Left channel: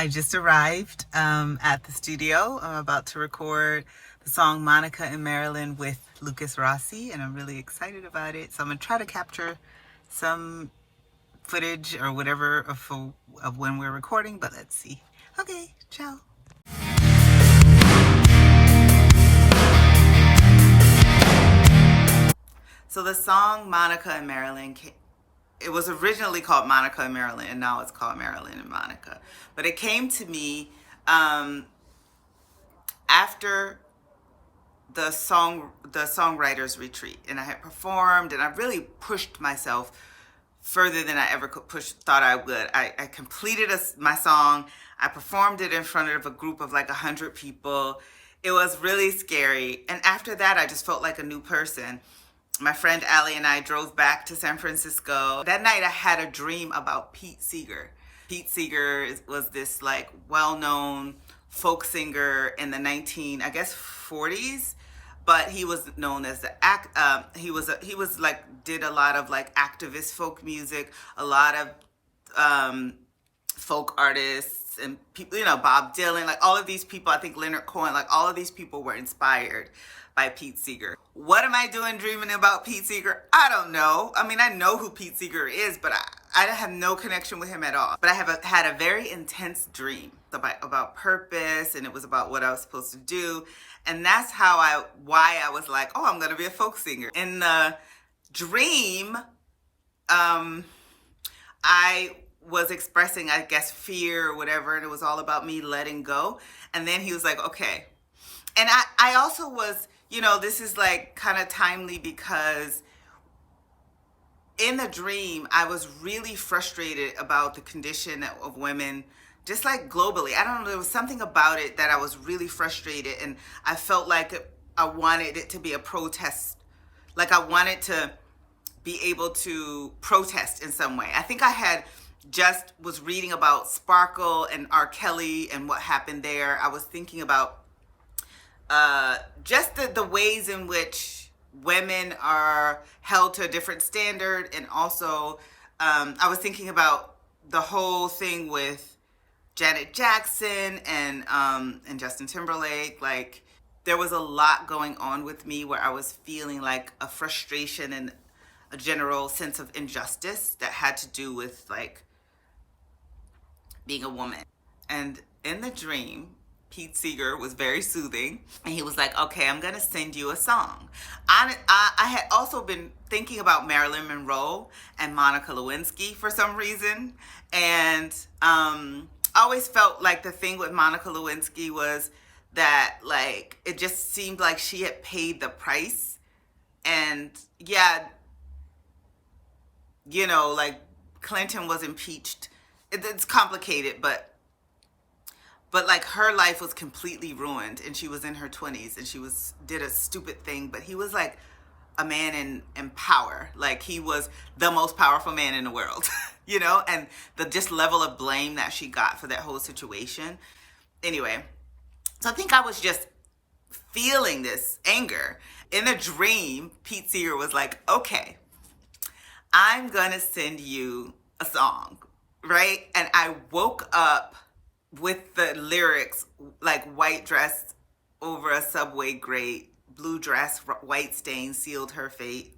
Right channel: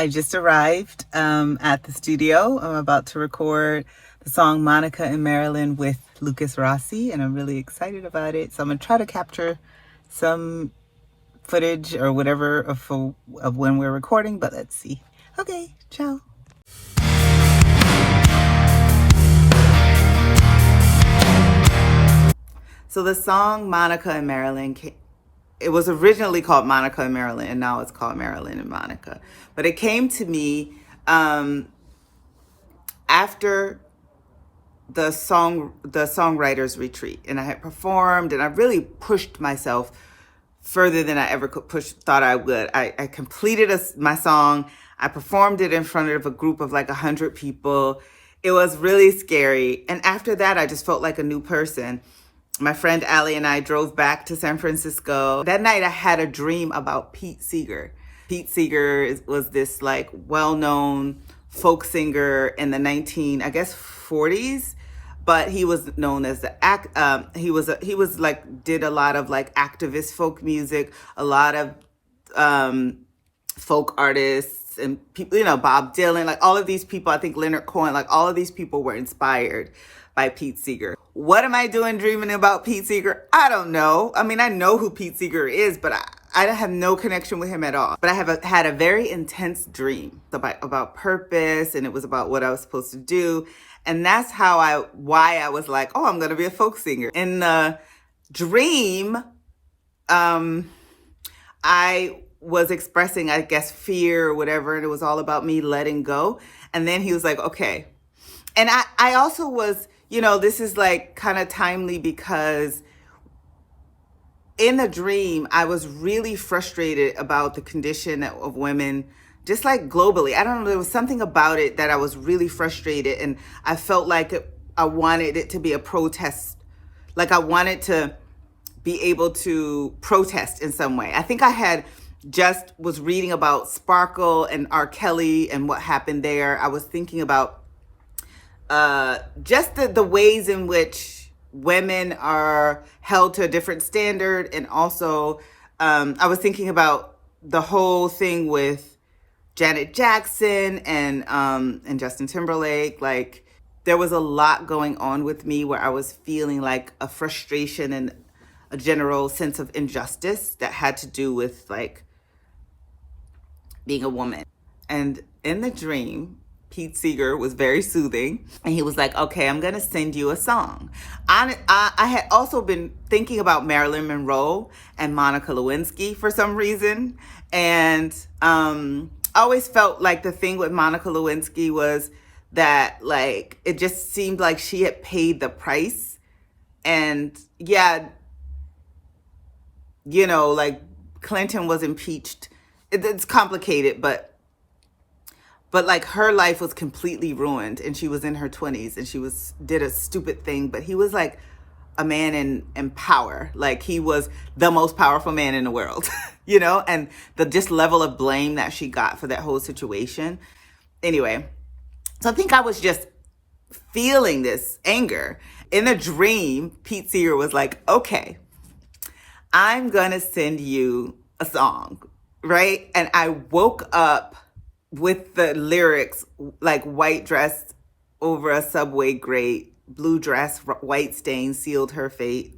I just arrived at the studio. I'm about to record the song Monica and Marilyn with Lukas Rossi, and I'm really excited about it. So I'm going to try to capture some footage or whatever of when we're recording, but let's see. Okay, ciao. So the song Monica and Marilyn it was originally called Monica and Marilyn, and now it's called Marilyn and Monica. But it came to me after the songwriters retreat, and I had performed, and I really pushed myself further than I ever thought I would. I completed my song. I performed it in front of a group of like 100 people. It was really scary, and after that, I just felt like a new person. My friend Allie and I drove back to San Francisco. That night I had a dream about Pete Seegar. Pete Seegar was this like well-known folk singer in the 40s, but he was known as he was like did a lot of like activist folk music, a lot of folk artists and people, Bob Dylan, like all of these people, I think Leonard Cohen, like all of these people were inspired by Pete Seegar. What am I doing dreaming about Pete Seegar? I don't know. I mean, I know who Pete Seegar is, but I have no connection with him at all. But I have had a very intense dream about purpose, and it was about what I was supposed to do. And that's why I was like, oh, I'm going to be a folk singer. In the dream, I was expressing, I guess, fear or whatever, and it was all about me letting go. And then he was like, okay. And I also was, this is like kind of timely because in the dream, I was really frustrated about the condition of women, just like globally. I don't know, there was something about it that I was really frustrated, and I felt like I wanted it to be a protest. Like I wanted to be able to protest in some way. I think I was reading about Sparkle and R. Kelly and what happened there. I was thinking about just the ways in which women are held to a different standard. And also, I was thinking about the whole thing with Janet Jackson and Justin Timberlake. Like there was a lot going on with me where I was feeling like a frustration and a general sense of injustice that had to do with like being a woman. And in the dream, Pete Seegar was very soothing, and he was like, okay, I'm going to send you a song. I had also been thinking about Marilyn Monroe and Monica Lewinsky for some reason, and I always felt like the thing with Monica Lewinsky was that like it just seemed like she had paid the price. And yeah, like Clinton was impeached. It's complicated, but like her life was completely ruined, and she was in her 20s, and she did a stupid thing, but he was like a man in power. Like he was the most powerful man in the world, and the just level of blame that she got for that whole situation. Anyway, so I think I was just feeling this anger. In a dream, Pete Seegar was like, okay, I'm going to send you a song, right? And I woke up with the lyrics, like white dress over a subway grate, blue dress, white stain sealed her fate,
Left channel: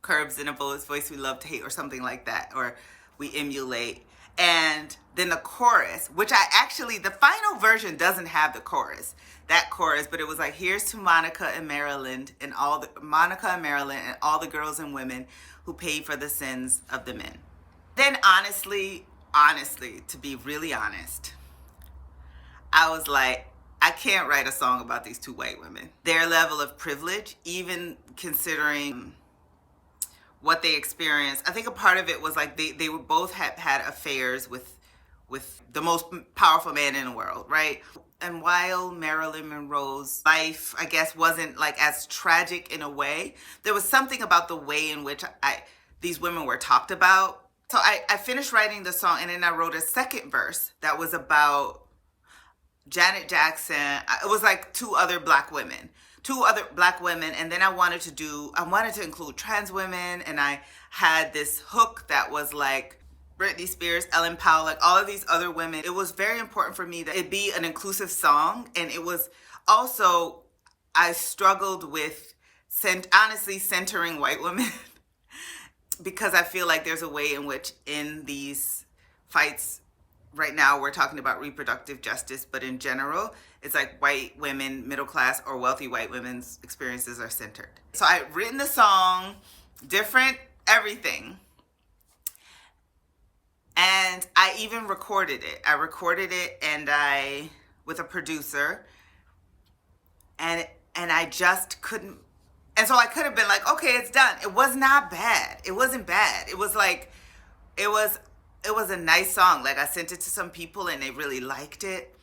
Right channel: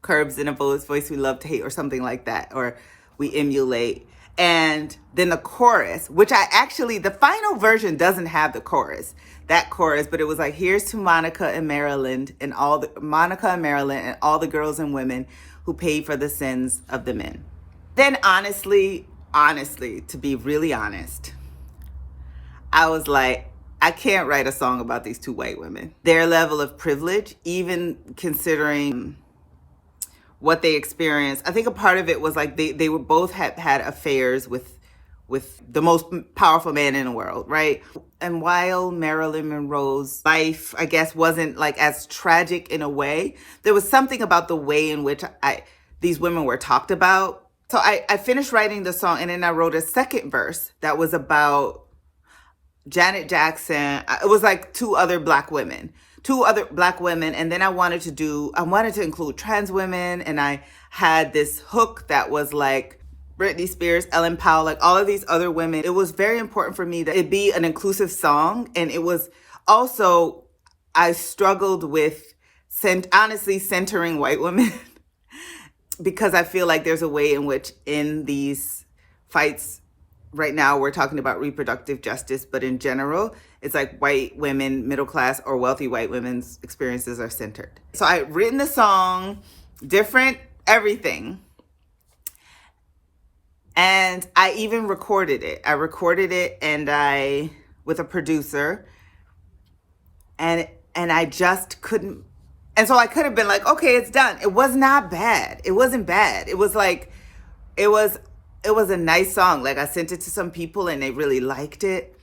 curves in a bullet's voice we love to hate, or something like that, or we emulate. And then the chorus, which the final version doesn't have that chorus, but it was like, here's to Monica and Marilyn and all the girls and women who paid for the sins of the men. Then honestly, to be really honest, I was like, I can't write a song about these two white women. Their level of privilege, even considering what they experienced. I think a part of it was like they were both had affairs with the most powerful man in the world, right? And while Marilyn Monroe's life, I guess, wasn't like as tragic in a way, there was something about the way in which these women were talked about. So I finished writing the song, and then I wrote a second verse that was about Janet Jackson. It was like two other black women. And then I wanted to include trans women. And I had this hook that was like, Britney Spears, Ellen Powell, like all of these other women. It was very important for me that it be an inclusive song. And it was also, I struggled with honestly centering white women because I feel like there's a way in which in these fights right now we're talking about reproductive justice, but in general, it's like white women, middle class or wealthy white women's experiences are centered. So I written the song, different everything. And I even recorded it. I recorded it with a producer, and I just couldn't. And so I could have been like, okay, it's done. It was not bad. It wasn't bad. It was like, it was a nice song. Like I sent it to some people and they really liked it,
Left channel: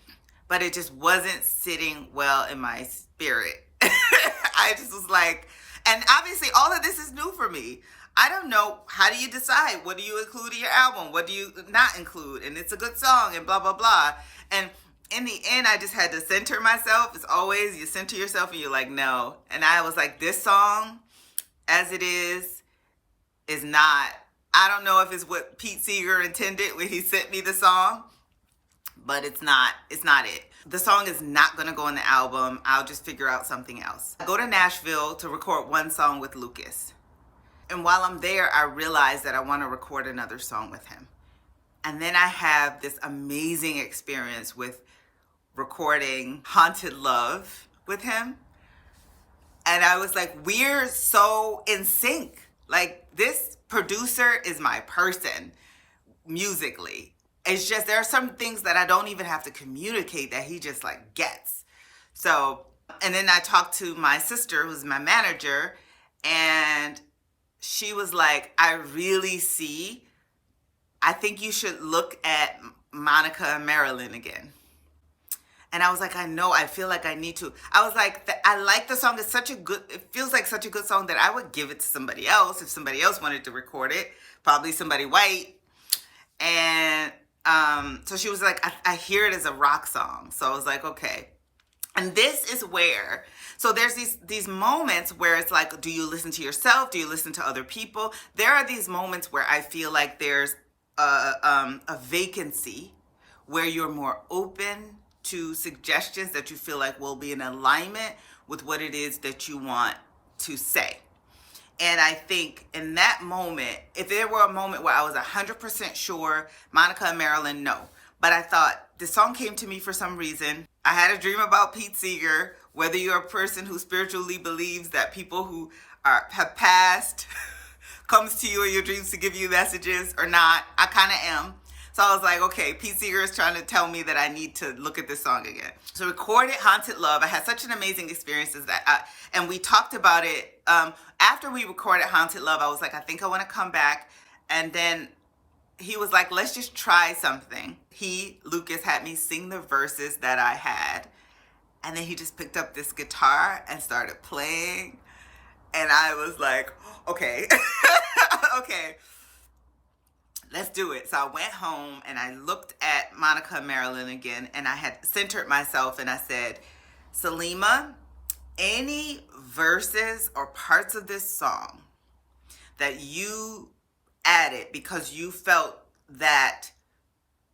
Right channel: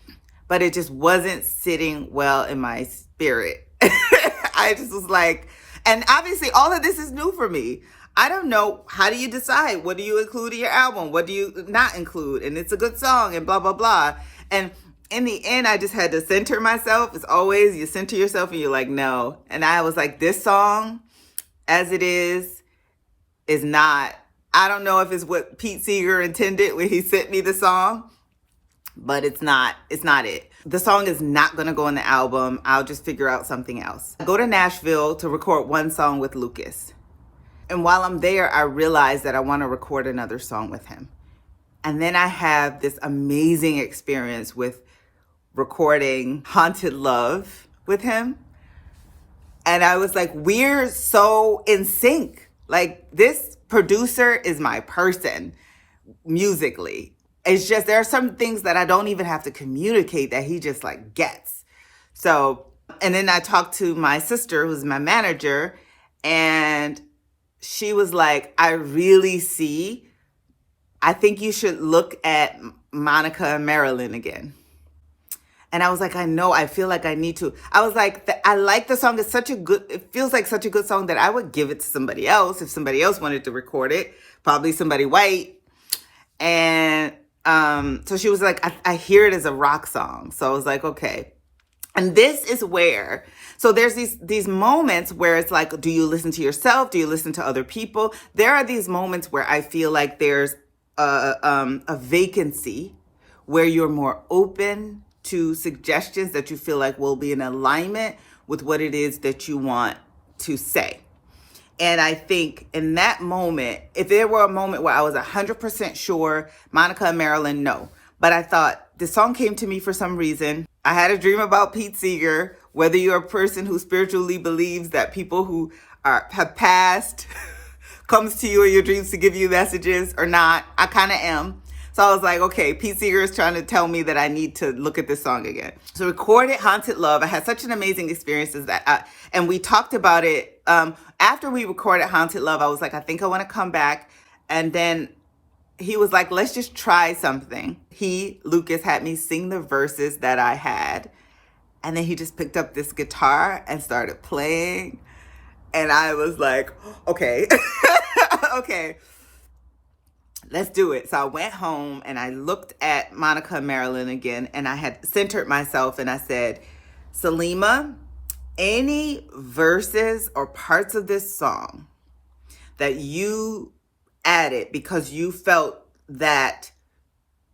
but it just wasn't sitting well in my spirit. I just was like, and obviously all of this is new for me. I don't know. How do you decide? What do you include in your album? What do you not include? And it's a good song and blah, blah, blah. And in the end, I just had to center myself. As always, you center yourself and you're like, no. And I was like, this song, as it is not, I don't know if it's what Pete Seegar intended when he sent me the song, but it's not it. The song is not going to go on the album. I'll just figure out something else. I go to Nashville to record one song with Lukas. And while I'm there, I realize that I want to record another song with him. And then I have this amazing experience with recording Haunted Love with him. And I was like, we're so in sync. Like, this producer is my person musically. It's just, there are some things that I don't even have to communicate that he just like gets. So, and then I talked to my sister, who's my manager, and she was like, I think you should look at Monica and Marilyn again. And I was like, I know, I feel like I need to. I was like, I like the song. It feels like such a good song that I would give it to somebody else if somebody else wanted to record it, probably somebody white. And so she was like, I hear it as a rock song. So I was like, okay. And this is where, so there's these moments where it's like, do you listen to yourself? Do you listen to other people? There are these moments where I feel like there's a vacancy where you're more open to suggestions that you feel like will be in alignment with what it is that you want to say. And I think in that moment, if there were a moment where I was 100% sure, Monica and Marilyn, no. But I thought, the song came to me for some reason. I had a dream about Pete Seegar. Whether you're a person who spiritually believes that people who have passed comes to you in your dreams to give you messages or not, I kind of am. So I was like, okay, Pete Seegar is trying to tell me that I need to look at this song again. So recorded Haunted Love. I had such an amazing experience and we talked about it. After we recorded Haunted Love, I was like, I think I want to come back. And then he was like, let's just try something. Lukas, had me sing the verses that I had. And then he just picked up this guitar and started playing. And I was like, okay, okay, let's do it. So I went home and I looked at Monica and Marilyn again, and I had centered myself and I said, Salima, any verses or parts of this song that you added because you felt that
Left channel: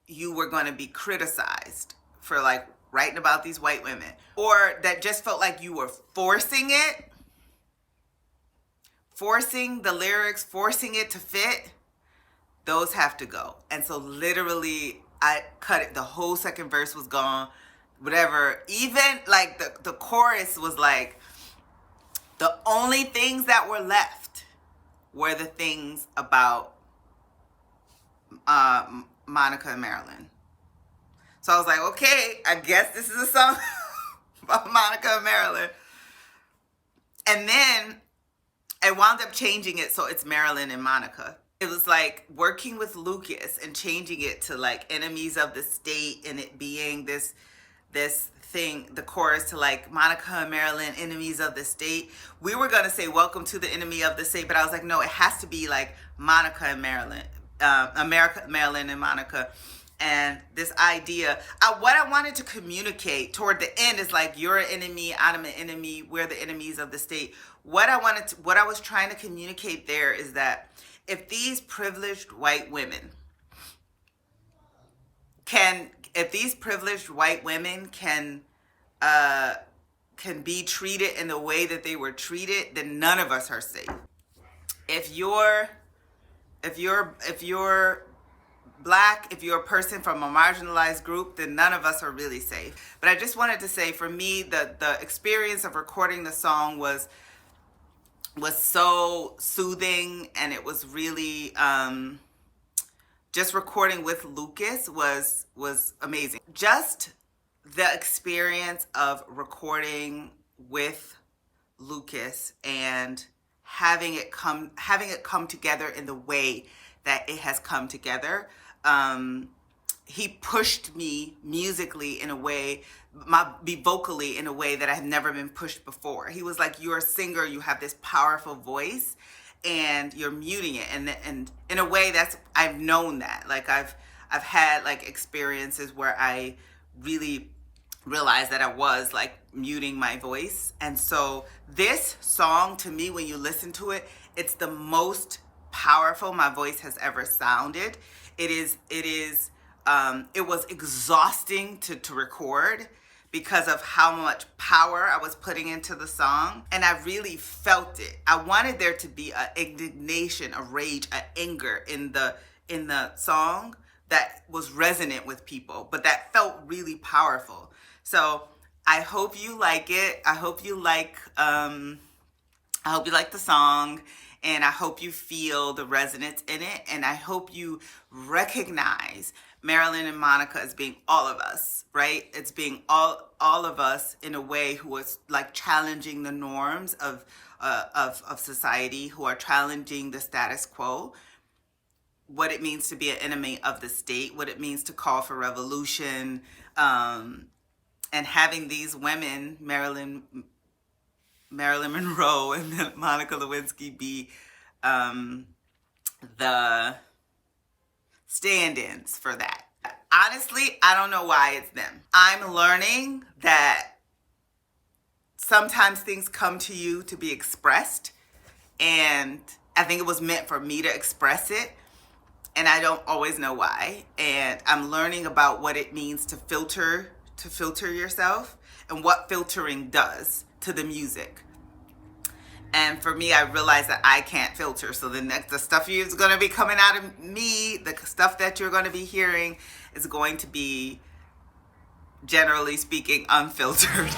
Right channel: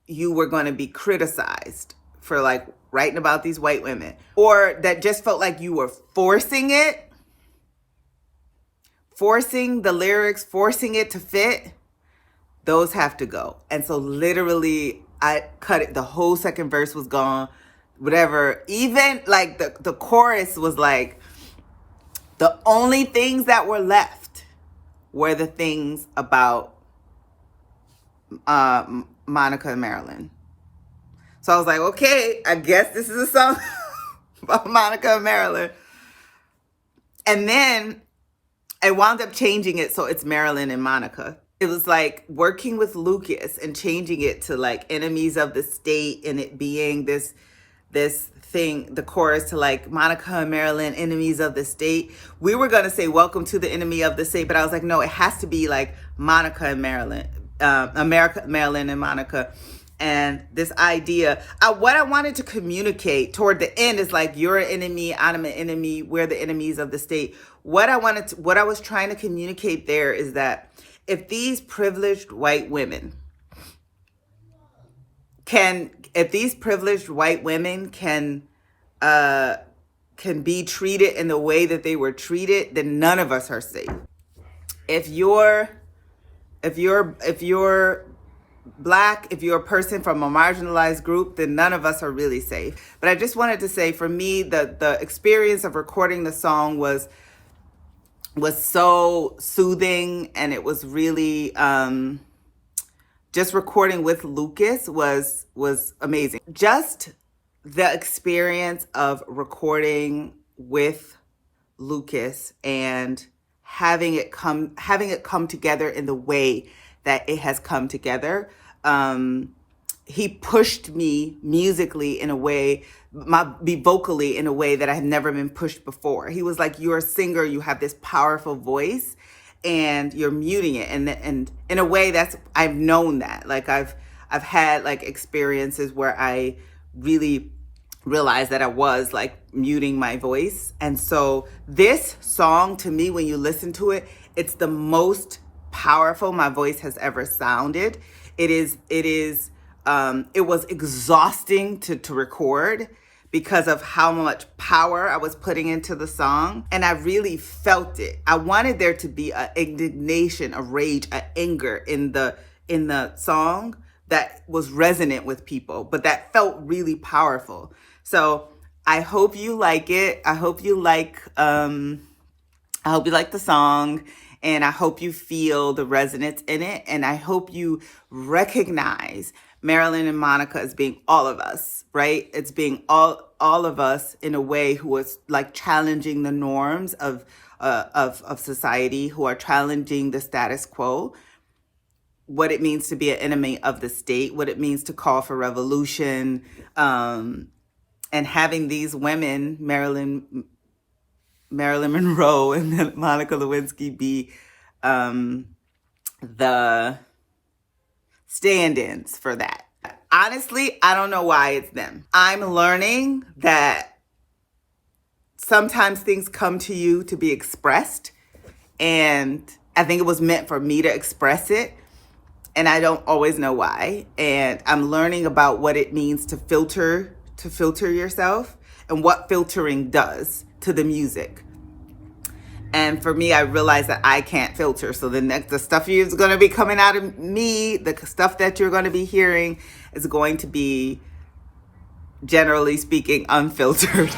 you were going to be criticized for like writing about these white women, or that just felt like you were forcing the lyrics, forcing it to fit, those have to go. And so literally I cut it. The whole second verse was gone, whatever. Even like the chorus was like, the only things that were left were the things about Monica and Marilyn. So I was like, okay, I guess this is a song about Monica and Marilyn. And then I wound up changing it so it's Marilyn and Monica. It was like working with Lukas and changing it to like enemies of the state, and it being this thing, the chorus to like Monica and Marilyn, enemies of the state. We were going to say welcome to the enemy of the state, but I was like, no, it has to be like Monica and Marilyn, Marilyn and Monica. And this idea, what I wanted to communicate toward the end is like, you're an enemy, I'm an enemy, we're the enemies of the state. What I was trying to communicate there is that if these privileged white women if these privileged white women can be treated in the way that they were treated, then none of us are safe. If you're Black, if you're a person from a marginalized group, then none of us are really safe. But I just wanted to say, for me, the experience of recording the song was so soothing, and it was really just recording with Lukas was amazing. Just the experience of recording with Lukas and having it come together in the way that it has come together. He pushed me musically in a way, vocally in a way that I have never been pushed before. He was like, "You're a singer, you have this powerful voice, and you're muting it." And in a way, I've known that. Like I've had like experiences where I really realized that I was like muting my voice. And so this song, to me, when you listen to it, it's the most powerful my voice has ever sounded. It was exhausting to record because of how much power I was putting into the song. And I really felt it. I wanted there to be an indignation, a rage, an anger in the song that was resonant with people, but that felt really powerful. So I hope you like it. I hope you like the song, and I hope you feel the resonance in it. And I hope you recognize Marilyn and Monica as being all of us, right? It's being all of us in a way who is like challenging the norms of society, who are challenging the status quo, what it means to be an enemy of the state, what it means to call for revolution, and having these women, Marilyn Monroe and Monica Lewinsky, be the stand-ins for that. Honestly, I don't know why it's them. I'm learning that sometimes things come to you to be expressed, and I think it was meant for me to express it, and I don't always know why. And I'm learning about what it means to filter yourself and what filtering does to the music. And for me, I realized that I can't filter. So the stuff is going to be coming out of me, the stuff that you're going to be hearing is going to be, generally speaking, unfiltered.